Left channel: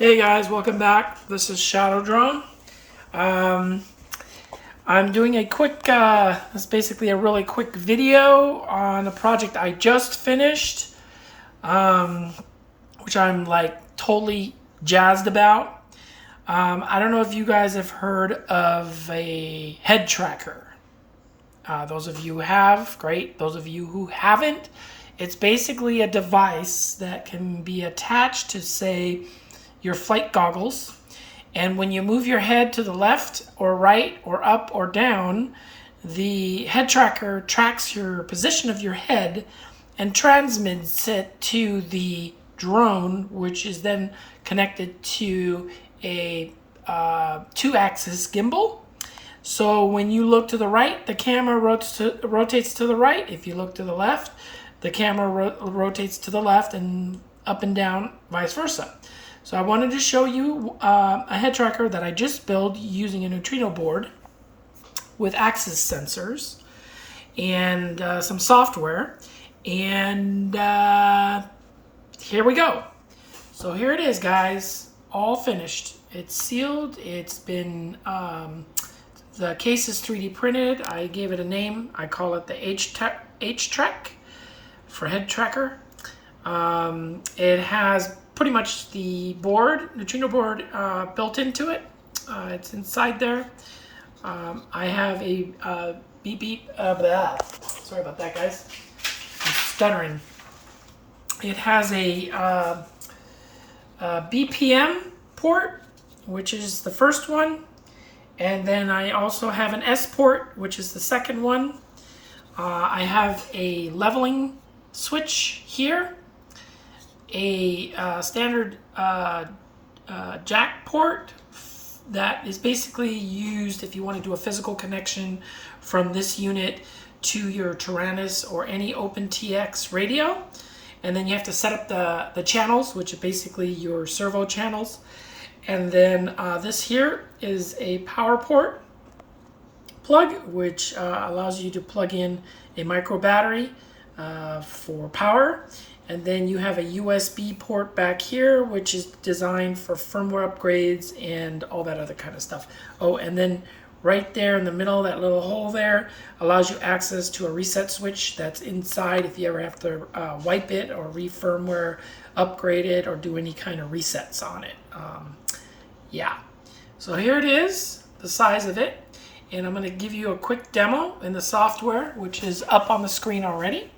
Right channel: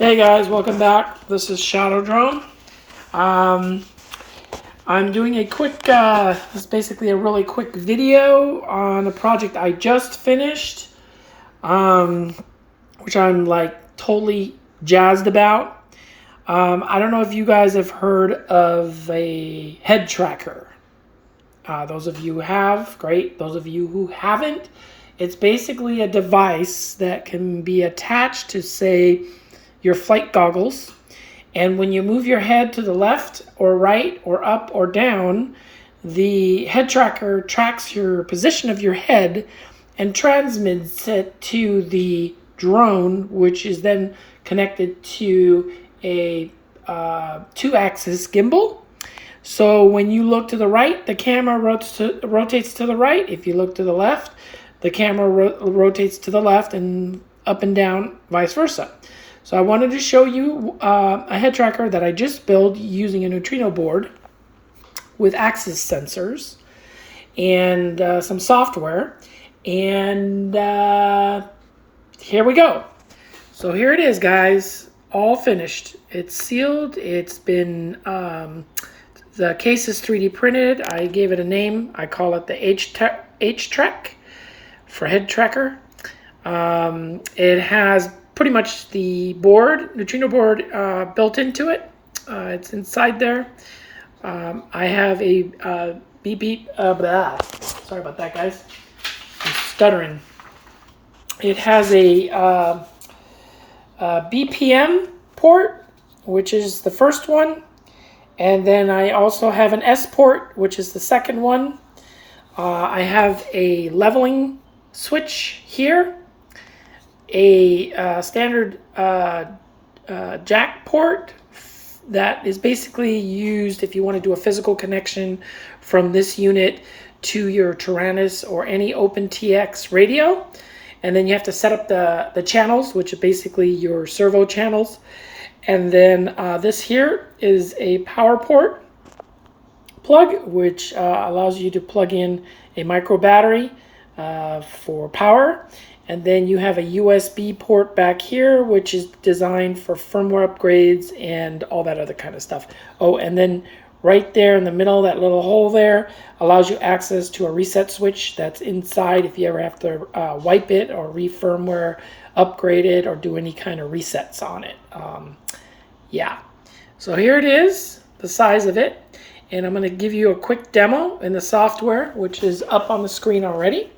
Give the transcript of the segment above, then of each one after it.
Hey guys, welcome back. This is Shadow Drone. I'm doing a quick, it's basically a really quick video on a project I just finished, which I'm like totally jazzed about. I don't know if you guys have heard of a head tracker. Those of you who have, great. Those of you who haven't, it's basically a device that can be attached to, say, your flight goggles, and when you move your head to the left or right or up or down, the head tracker tracks your position of your head and transmits it to the drone, which is then connected to a two-axis gimbal. So when you look to the right, the camera rotates to the right. If you look to the left, the camera rotates to the left, and up and down, vice versa. So I wanted to show you a head tracker that I just built using a neutrino board with axis sensors and some software. And here we go. So here it is, guys, all finished. It's sealed. It's been, the case is 3D printed. I gave it a name. I call it the H-Track for head tracker. It has pretty much the board, neutrino board, built into it. It's inside there. I have a beep, sorry about that, guys. I'm stuttering. It has a BPM port, which is the first one. And then I also have an S port, which is the second one. I have a leveling switch here. A standard jack port that is basically used if you want to do a physical connection from this unit to your Tyrannus or any OpenTX radio. And then you have to set up the channels, which are basically your servo channels. And then this here is a power port plug, which allows you to plug in a micro battery for power. And then you have a USB port back here, which is designed for firmware upgrades and all that other kind of stuff. Oh, and then right there in the middle, that little hole there allows you access to a reset switch that's inside if you ever have to wipe it or re-firmware upgrade it or do any kind of resets on it. Yeah, so here it is, the size of it. And I'm going to give you a quick demo in the software, which is up on the screen already.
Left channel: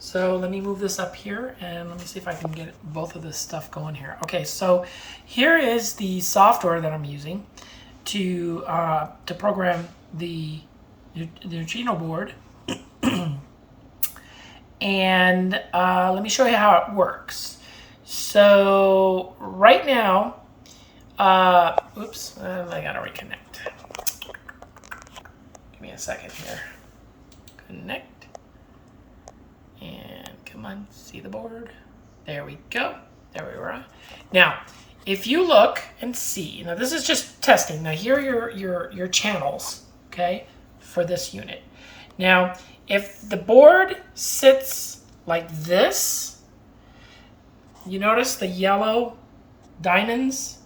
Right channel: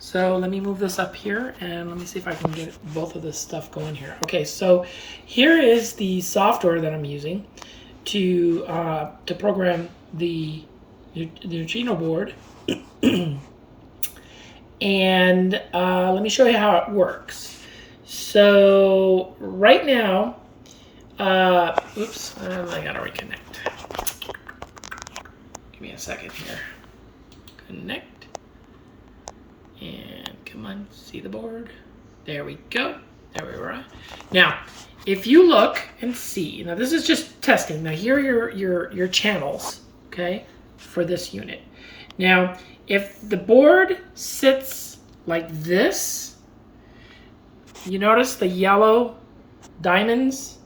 So let me move this up here and let me see if I can get both of this stuff going here. Okay, so here is the software that I'm using to program the neutrino board. And let me show you how it works. So right now, oops, I gotta reconnect. Give me a second here. Connect. And come on, see the board? There we go. There we are. Now, if you look and see, now this is just testing. Now here are your channels, okay, for this unit. Now, if the board sits like this, you notice the yellow diamonds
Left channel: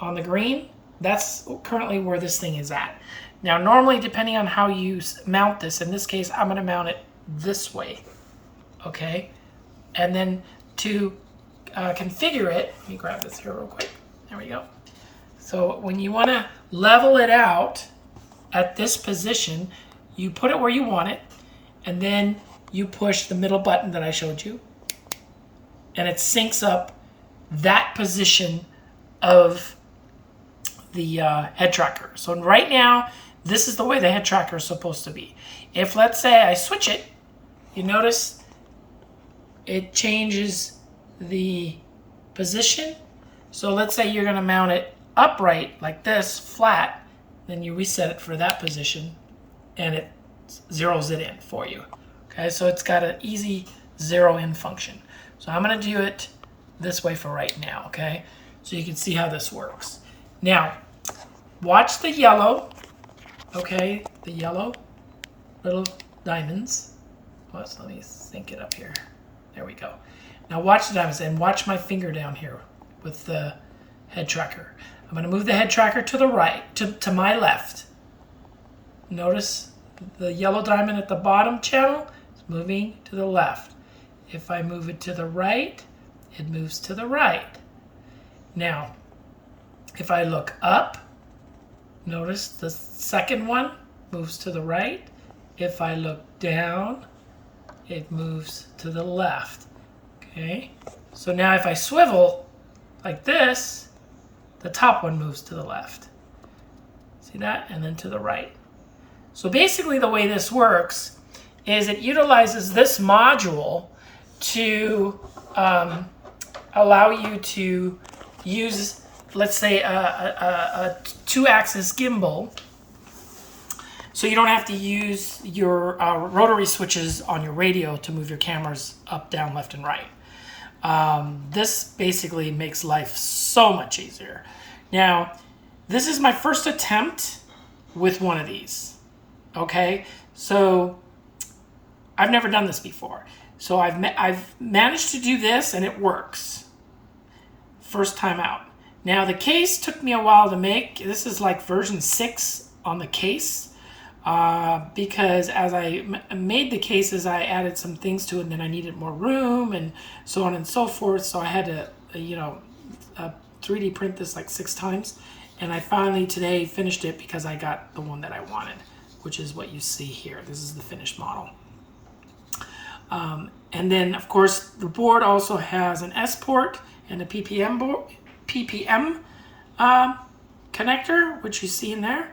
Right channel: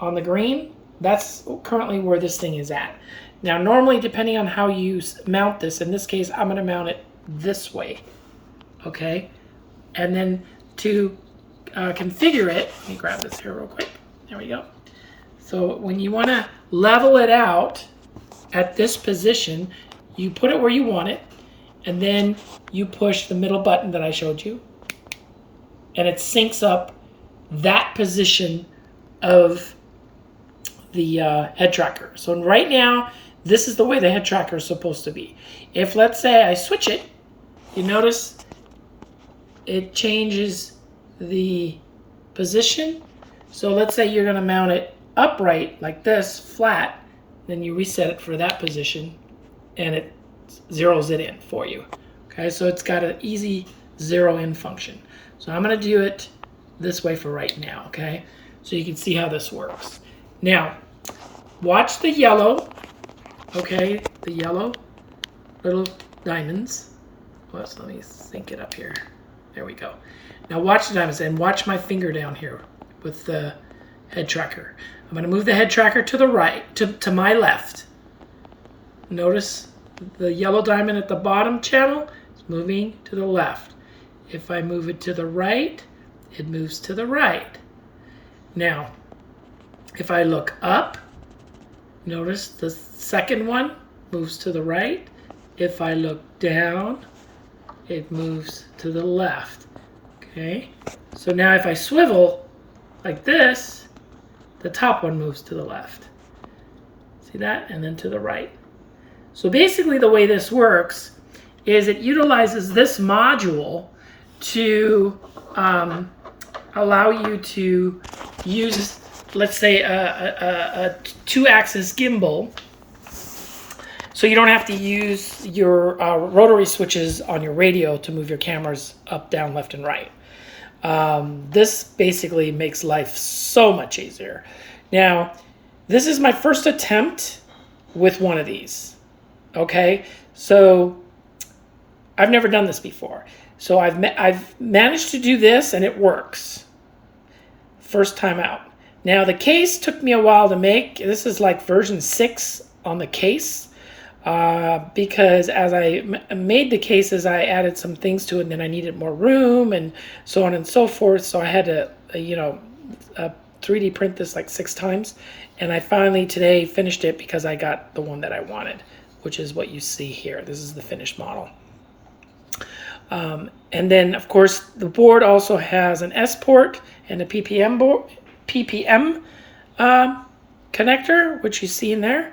on the green? That's currently where this thing is at. Now, normally, depending on how you mount this, in this case, I'm gonna mount it this way. Okay, and then to configure it, let me grab this here real quick. There we go. So when you want to level it out at this position, you put it where you want it, and then you push the middle button that I showed you, and it syncs up that position of the head tracker. So right now, this is the way the head tracker is supposed to be. If, let's say, I switch it, you notice it changes the position. So let's say you're going to mount it upright like this, flat, then you reset it for that position and it zeroes it in for you. Okay, so it's got an easy zero in function. So I'm going to do it this way for right now, okay? So you can see how this works. Now, watch the yellow, okay? The yellow little diamonds. Let me sync it up here. There we go. Now watch the diamonds and watch my finger down here with the head tracker. I'm going to move the head tracker to the right, to my left. Notice the yellow diamond at the bottom channel is moving to the left. If I move it to the right, it moves to the right. Now, if I look up, notice the second one moves to the right. If I look down, it moves to the left. Okay, so now if I swivel like this, the top one moves to the left. See that? And then to the right. So basically the way this works is it utilizes this module to allow you to use, let's say, a 2-axis gimbal. So you don't have to use your rotary switches on your radio to move your cameras up, down, left, and right. This basically makes life so much easier. Now, this is my first attempt with one of these. Okay, so I've never done this before. So I've managed to do this and it works. First time out. Now the case took me a while to make. This is like version 6 on the case. Because as I made the cases, I added some things to it, and then I needed more room and so on and so forth. So I had to, 3D print this like 6 times. And I finally today finished it because I got the one that I wanted, which is what you see here. This is the finished model. And then, of course, the board also has an S port and a PPM connector, which you see in there,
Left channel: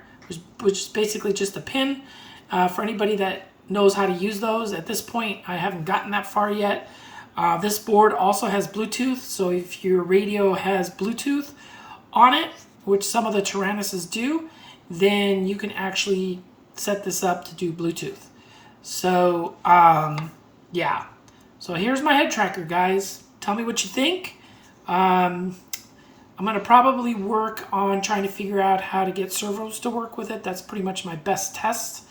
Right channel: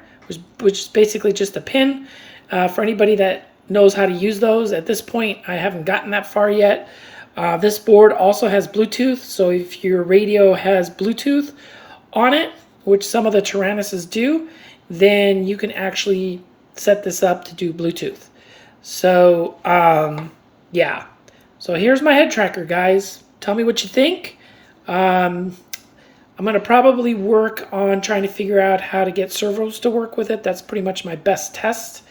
which is basically just a pin. For anybody that knows how to use those, at this point, I haven't gotten that far yet. This board also has Bluetooth, so if your radio has Bluetooth on it, which some of the Tyrannuses do, then you can actually set this up to do Bluetooth. So, yeah. So here's my head tracker, guys. Tell me what you think. I'm going to probably work on trying to figure out how to get servos to work with it. That's pretty much my best test.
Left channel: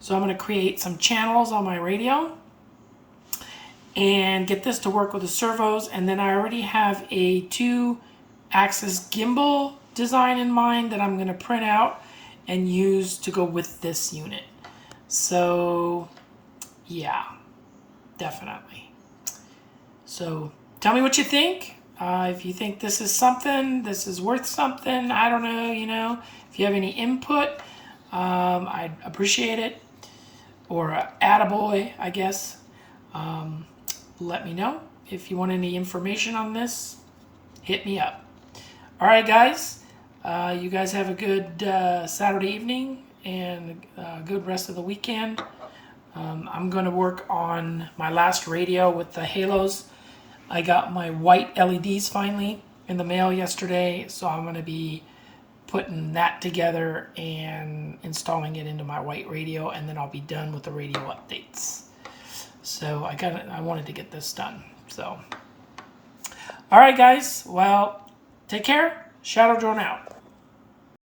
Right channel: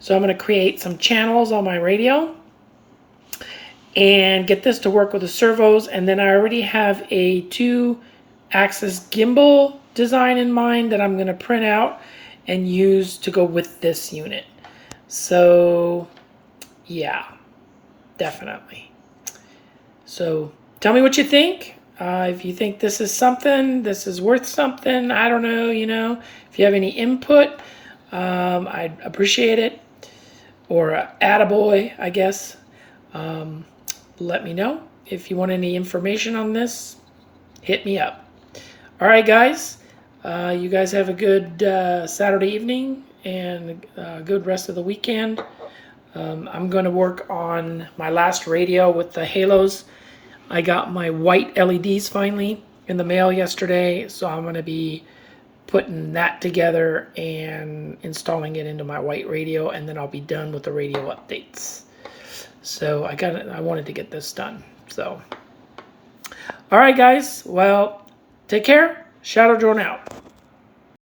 So I'm going to create some channels on my radio and get this to work with the servos. And then I already have a 2-axis gimbal design in mind that I'm going to print out and use to go with this unit. So yeah, definitely. So tell me what you think. If you think this is something, this is worth something, I don't know, if you have any input, I'd appreciate it. Or attaboy, I guess. Let me know. If you want any information on this, hit me up. All right, guys. You guys have a good Saturday evening and a good rest of the weekend. I'm going to work on my last radio with the halos. I got my white LEDs finally in the mail yesterday, so I'm going to be putting that together and installing it into my white radio, and then I'll be done with the radio updates. So I wanted to get this done. So, all right, guys. Well, take care. Shadow Drone out.